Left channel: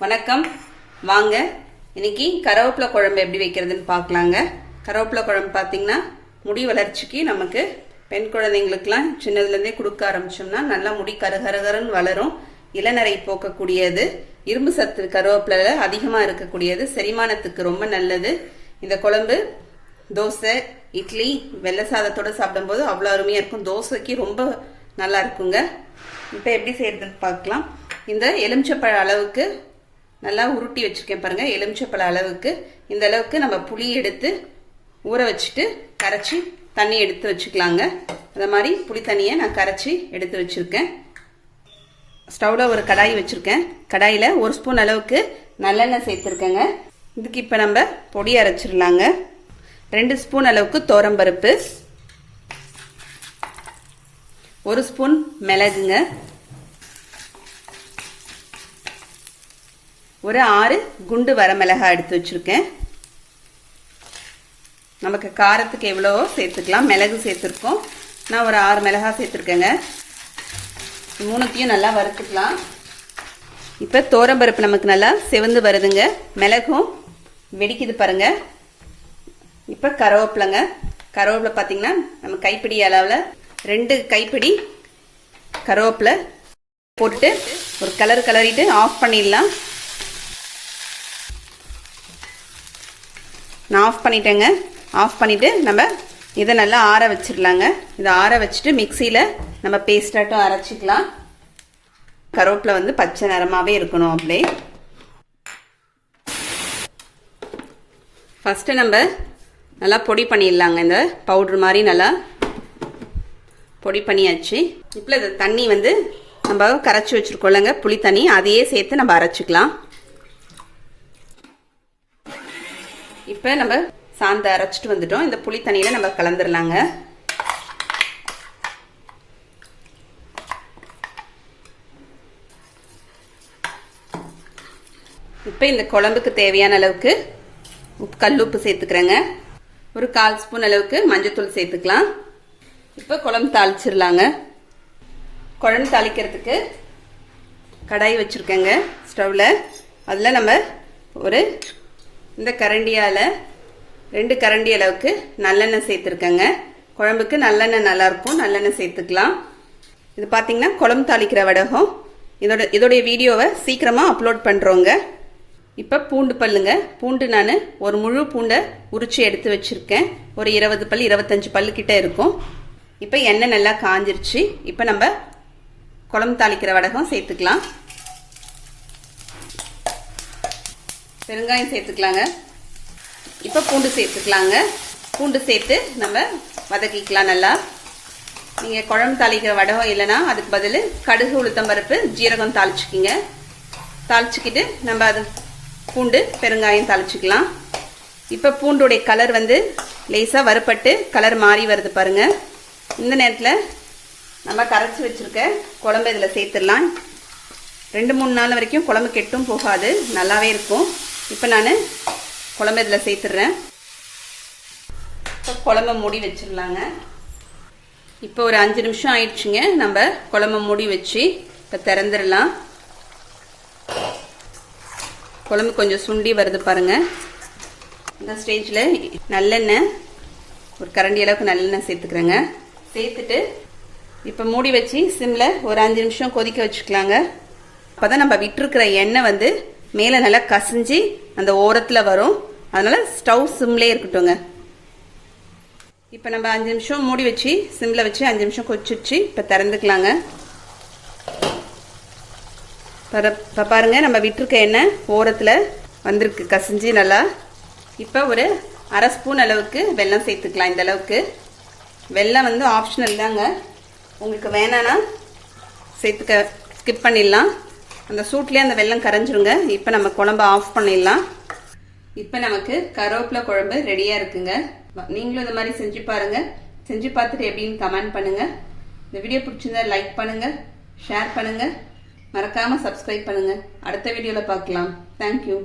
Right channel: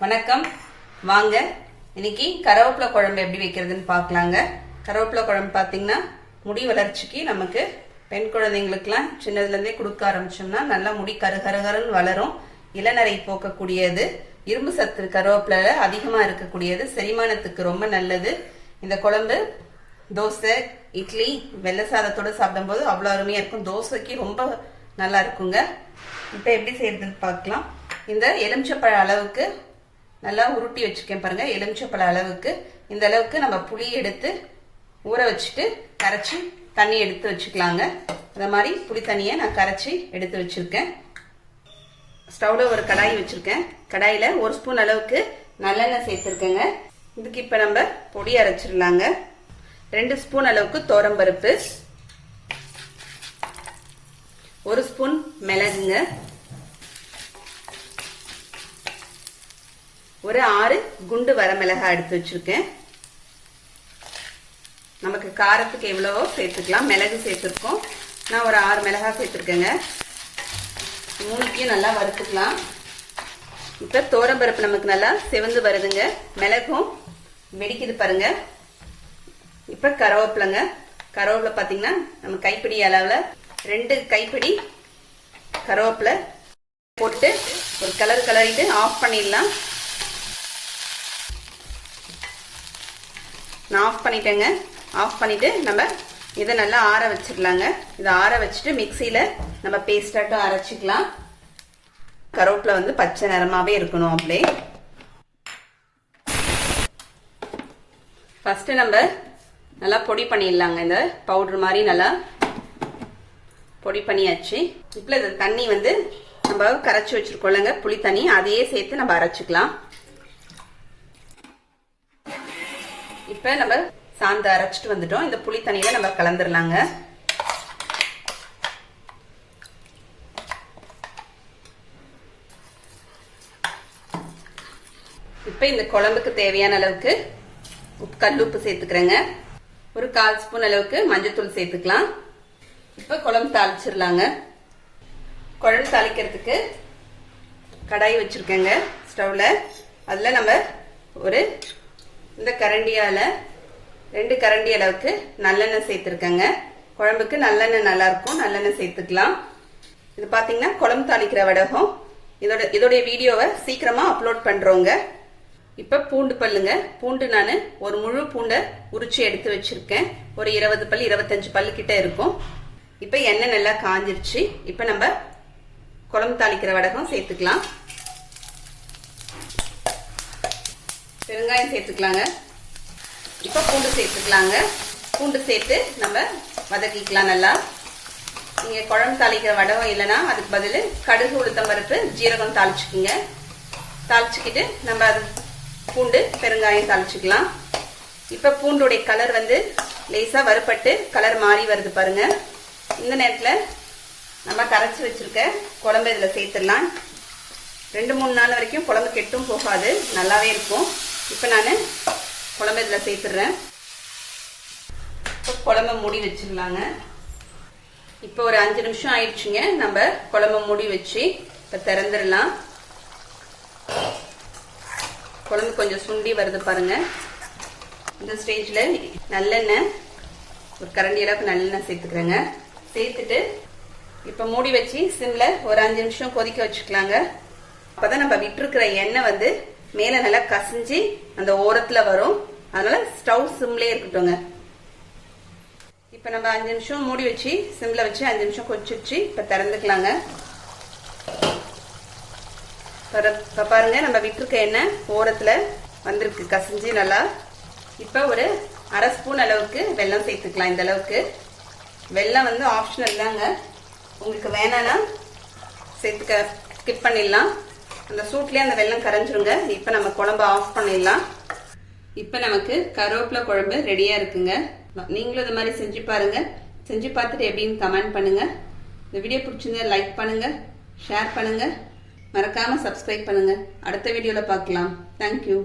வணக்கம். வாங்க இன்னைக்கு கருவேப்பிலை குழம்பு எப்படி வைக்கிறதுன்னு பார்க்கலாங்க. கருவேப்பிலை குழம்பு பார்த்தீங்கன்னா முடி வளர்ச்சிக்கு நமக்கு பெண் குழந்தைங்களுக்குலாம் சின்னதுலேருந்தே கொடுக்க ஆரம்பிச்சோம்னா நல்லா முடி கருகருன்னு வளரும். இளநரை போக்கக்கூடியது, இரும்பு சத்து கருவேப்பிலை அதிகமாக இருக்கக்கூடியது, செரிமானத்துக்கு ரொம்ப நல்லது. இந்த குழம்பு தோசை, இட்லி, வெள்ளை சாதத்தோட சாப்பிடும்போது அவ்வளோ அருமையாக இருக்கும். தோசைக்கு ரொம்ப நல்லா இருக்குங்க. இப்போ எப்படி செய்யறதுன்னு பார்க்கலாம். இந்த எலுமிச்சப்பழ அளவுக்கு நல்லா உருட்டி வச்சிருக்கேன் பாருங்க. எலுமிச்சப்பழ அளவுக்கு இந்த அளவுக்கு நம்ம புளி எடுத்து ஊற வச்சுட்டு கரைச்சி தண்ணி எடுத்து வச்சுக்கலாங்க. அந்த மாதிரி புளி தண்ணியை நான் கரைச்சி எடுத்து வச்சிருக்கேன். ஸ்டவ்ல ஒரு கடாய் வச்சிருக்கேன். கடாயில 1 ஸ்பூன் அளவுக்கு நல்லெண்ணெய் சேர்த்திருக்கேங்க. இதுக்கு இப்ப நம்ம பொடி அரைச்சிடலாங்க. 2 ஸ்பூன் அளவுக்கு தோரம்பருப்பு, 1 ஸ்பூன் மிளகுங்க, ஒரு 6 குண்டு வரமிளகாய் எடுத்து வச்சிருக்கேன். நமக்கு காரத்துக்கு எவ்வளவோ சேர்த்துக்கலாம். மிளகு சேர்த்துருக்கோம். நான் ஒரு 6 மிளகாய் சேர்த்துருக்கேங்க. மூணுத்தையும் நல்லா வறுத்துக்கலாம். இப்போ தோரம்பருப்பு நமக்கு நல்லா செவந்து வருதுங்க. மிளகும் வெடிக்குது பாருங்க. இப்போ கருவேப்பிலைங்க. கருவேப்பிலை பார்த்தீங்கன்னா நம்ம கைப்பிடி அளவில் 2 கைப்பிடி கருவேப்பிலை போட்டு ஒரு கலரிட்டு ஆஃப் பண்ணிடலாம். நான் ஆஃப் பண்ணிட்டேங்க. ஆஃப் பண்ணிட்டு நம்ம இதை நல்லா ஆற வச்சிடலாங்க. இதை ஆற வச்சுட்டு மிக்சியில் நம்ம பேஸ்டாட்டும் அரைச்சிக்கலாம். கருவேப்பிலை வந்து பச்சை நிறமாவே இருக்கணும். அப்படியே ஃபர்ஸ்ட் நம்ம நல்லா பொடி பண்ணிடலாங்க. இந்த பவுடர் மாதிரி நல்லா பொடி பண்ணியாச்சு. இப்போ இந்த தண்ணி வந்து நம்ம கரைச்சி வச்சிருக்கோம்லங்க, புளி தண்ணி, அதையே சேர்த்து நம்ம அரைச்சிக்கலாம். இப்போ நம்ம சாந்து அரைச்சிட்டு வந்துட்டோம். இந்த புளி தண்ணியில நம்ம கலந்துடலாங்க. இப்போ இந்த குழம்புக்கு தேவையான அளவுக்கு கல்லுப்பு சேர்த்துக்கிறேங்க. ஒரு 1/4 ஸ்பூன் அளவுக்கு மஞ்சத்தூள் சேர்த்துக்கலாம். இப்போ குழம்பு தாளிச்சிடலாங்க. குழம்பு தாளிக்கிறதுக்கு கடாய் வச்சிருக்கேங்க ஸ்டவ்ல. அதில் நம்ம ஒரு இந்த கரண்டியால 2 கரண்டி அளவுக்கு நல்லெண்ணெய் சேர்த்துருக்கேங்க. குழம்புக்கு நல்லெண்ணெய் நல்லா இருக்கும். நல்லெண்ணெய் சேர்த்துக்கலாம். இது பார்த்தீங்கன்னா குழம்பு தாளிக்கிற வடகம். இதோடைய வீடியோவை சீக்கிரமா அப்லோட் பண்றோங்க. இப்போ பூண்டு பல்லுங்க. பூண்டு நான் ஒரு முழு பூண்டை உரிச்சு எடுத்து வச்சிருக்கேன். ஒரு 20 பல் 25 பல்லு கிட்ட இருக்கும். இப்போ எண்ணெய் நல்லா காஞ்சிருச்சு. இப்போ நம்ம குழம்பு தாளிக்கிற வடகம் சேர்த்துக்கலாம். பெருங்காயம் சேர்த்துக்கலாங்க. இப்போ பூண்டு சேர்த்துக்கலாங்க. பூண்டு சேர்த்து நம்ம வதக்கிக்கலாம் நல்லா. நீங்கள் குழம்பு தாளிக்கிற வடகம் இல்லைன்னா அதுக்கு பதில் கடுகு, உளுத்தம்பருப்பு, ஜீரகம் தாளிச்சுக்கிங்க. தாளிச்சுக்கிட்டு நம்ம அது பூண்டு பெருங்காயம் தாளிச்சுக்கலாம். இப்போ பூண்டுடைய கலர் வந்து லேசாக வறுப்பட்டு கலர் மாறி வருது பாருங்க. இந்த நேரத்தில் நம்ம கரைச்சி வச்சிருக்க குழம்பு இதில் சேர்த்துடலாம். 2-3 நாள் வரைக்கும் குழம்பு கெட்டும் போகாது, நல்லாவே இருக்கும். இப்போ நான் குழம்பு இதில் சேர்த்துடுறேன். இப்போ குழம்பு மூடி வச்சிடலாங்க. இப்போ ஒரு 5 நிமிஷம் ஆயிடுச்சுங்க. நம்ம குழம்பு மூடி வச்சு இப்போ திறந்துடலாம். குழம்பு கொஞ்சம் சுண்டி வருது பாருங்க. இந்த ஸ்டேஜில் நல்லெண்ணெய் ஒரு கரண்டி அளவுக்கு நல்லெண்ணெய் சேர்த்துக்கிறேங்க. சேர்த்துட்டு இப்போ மூடி வச்சு சிம்மில் ஒரு 5 நிமிஷம் கொதிக்க வச்சுக்கலாங்க. அப்போதான் நம்ம விட்டுருக்கிற எண்ணெய் வந்து மேலே நல்லா கசிஞ்சு அந்த ஓரத்தில் வரும். அதனால ஸ்டவ் சிம்லே இருக்கட்டுங்க. இப்போ நம்ம 5 நிமிஷம் மூடி வச்சு சிம்ல வச்சு 5 நிமிஷம் கொதிச்சிச்சு. இப்போ திறந்துக்கலாங்க. இப்போ பாருங்க நம்ம விட்டுருக்க எண்ணெய் ஓரத்தில் வந்திருக்கு கசிஞ்சு நல்லா. இப்போ ஒரு 1/2 ஸ்பூன் அளவுக்கு வெல்லம் சேர்த்துக்கலாம். இந்த அளவுக்கு வெல்லம் வந்து ஆப்ஷனல் தாங்க. உங்களுக்கு வேணான்னா சேர்த்துக்க ஸ்கிப் பண்ணிடலாம். அந்த சூட்லேயே அந்த வெல்லம் கரைஞ்சிருங்க. இப்போ நம்ம குழம்பு ஆஃப் பண்ணிடலாம். இப்போ நமக்கு கருவேப்பிலை குழம்பு ரெடியாக இருக்குங்க. நீங்களும் இந்த மாதிரி செஞ்சு பாருங்க. செஞ்சு பார்த்துட்டு எப்படின்னு கமெண்ட் பண்ணுங்க. இந்த வீடியோ பிடிச்சிருந்தா லைக் பண்ணுங்க, ஷேர் பண்ணுங்க, மறக்காம சப்ஸ்கிரைப் பண்ணுங்க. அடுத்த வீடியோவில் பார்க்கலாம். தேங்க்யூ.